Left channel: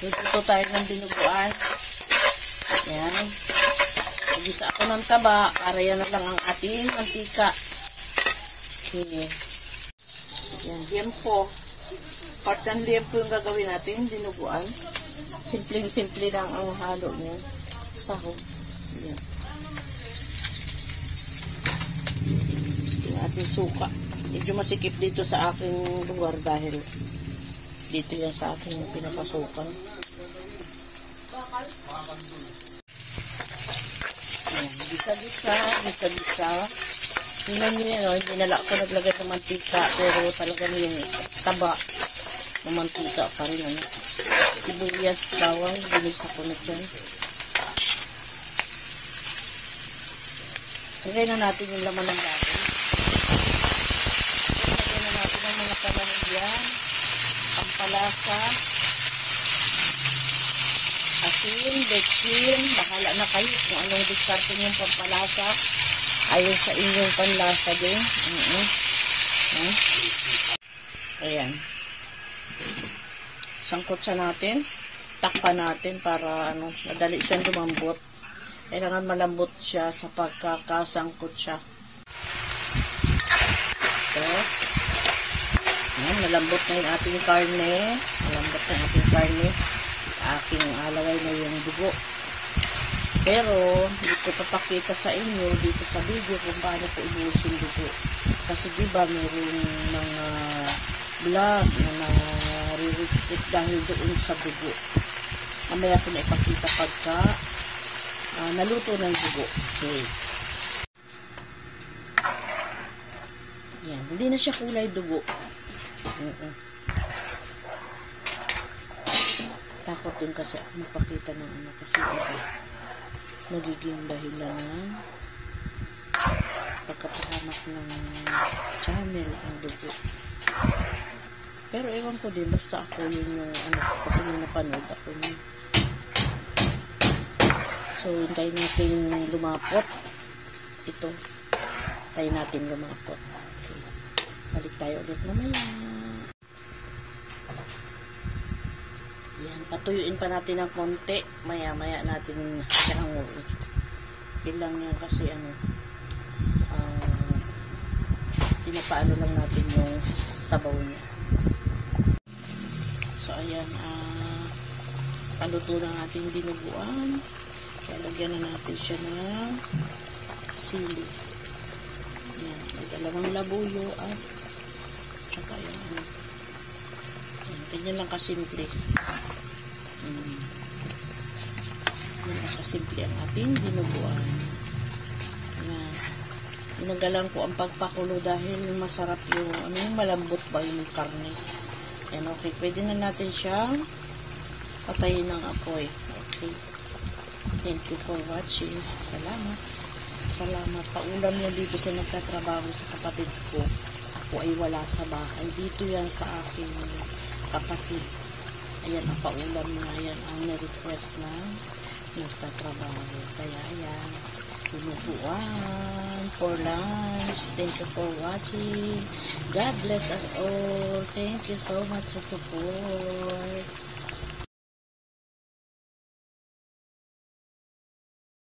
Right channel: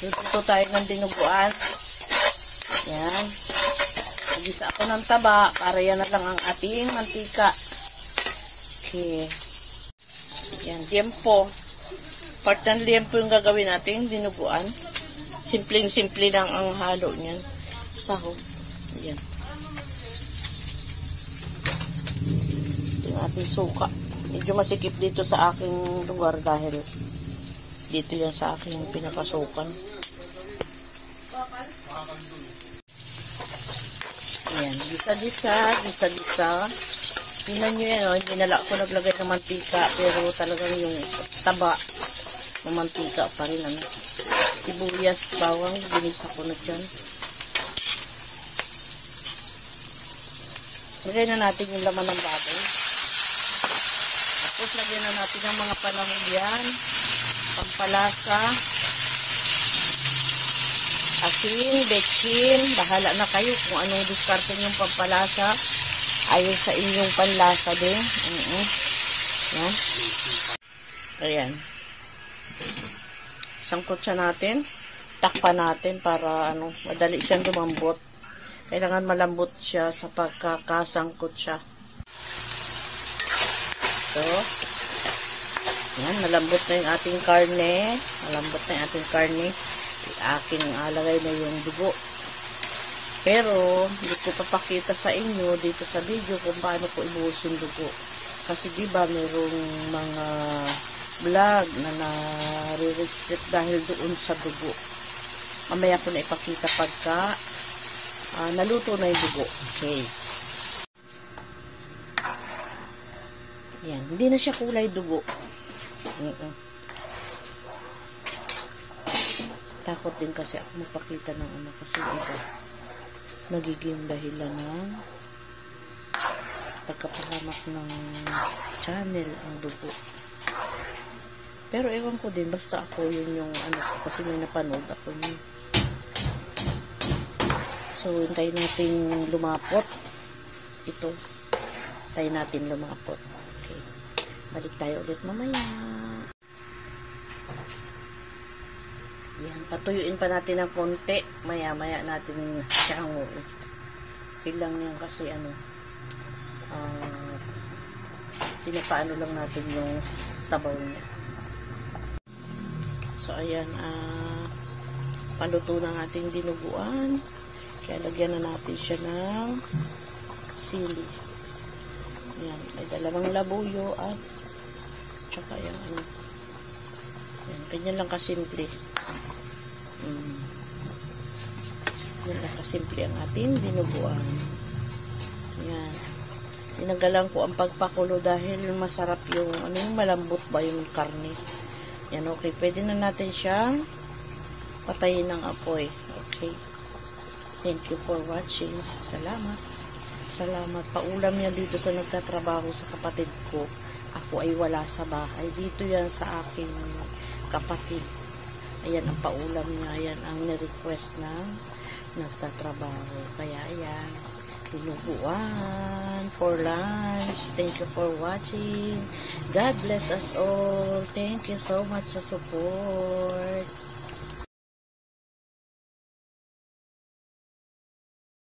Luto tayo ng dinuguan. Yan. Nagisa ako ng taba para yan na lang ang ating mantika. Okay. Yan, liempo. Part ng liempo yung gagawin natin, dinuguan. Simpleng-simple lang ang halo niyan. Sahog. Yan. Yung ating suka. Medyo masikip dito sa aking lugar dahil dito yan sa aking pinapasukan. Ayan, gisa-gisa. Tingnan nyo yan, hindi na ako naglagay ng mantika, pero talagang yung taba ng mantika pa rin. Ano? Sibuyas, bawang, ginisa ko na dyan. Lagay na natin yung laman ng baboy. Lagyan na natin ang mga panahon yan. Pampalasa. Asin, betchin. Bahala na kayo kung anong diskarte yung pampalasa. Ayon sa inyong panlasa din. No? Ayan. Sangkot siya natin. Takpan natin para madali siyang lumambot. Kailangan malambot siya sa pagkakasangkot siya. So, yan, malambot na yung ating karne. Malambot na yung ating karne. Aking alagay na yung dugo. Pero, hindi ko papakita sa inyo dito sa video kung paano ko ibuhos yung dugo. Kasi diba, mayroong mga vlog na nare-restrict dahil doon sa dugo. Mamaya ko na ipakita pagka naluto na yung dugo. Okay. Yan. Hindi na siya kulay dugo. Takot din kasi ako magpakita ng kasi nagiging dahilan ng pagkapahamak ng channel ang dugo. Pero ewan ko din, basta ako yun yung kasi yung napanood ako yun. So, hintayin natin lumapot. Ito. Hintayin natin lumapot. Okay. Balik tayo ulit mamaya. Yan. Patuyuin pa natin ng konti. Maya-maya natin siya ang bilang yan kasi pinapaano lang natin yung sabaw niya. So, ayan. Paluto ng ating dinuguan. Kaya lagyan na natin siya ng sili. Ayan. May dalawang labuyo at saka yan. Ayan. Ganyan lang kasimple. Ganyan lang kasimple ang ating dinuguan. Ayan. Tinagalan ko ang pagpakulo dahil masarap yung yung malambot ba yung karne. Yan, okay. Pwede na natin siyang patayin ng apoy. Okay. Thank you for watching. Salamat. Salamat. Paulam niya dito sa nagtatrabaho sa kapatid ko. Ako ay wala sa bahay. Dito yan sa aking kapatid. Ayan ang paulam niya. Ayan ang ni-request na nagtatrabaho. Kaya ayan. Dinuguan for lunch. Thank you for watching. God bless us all. Thank you so much sa support.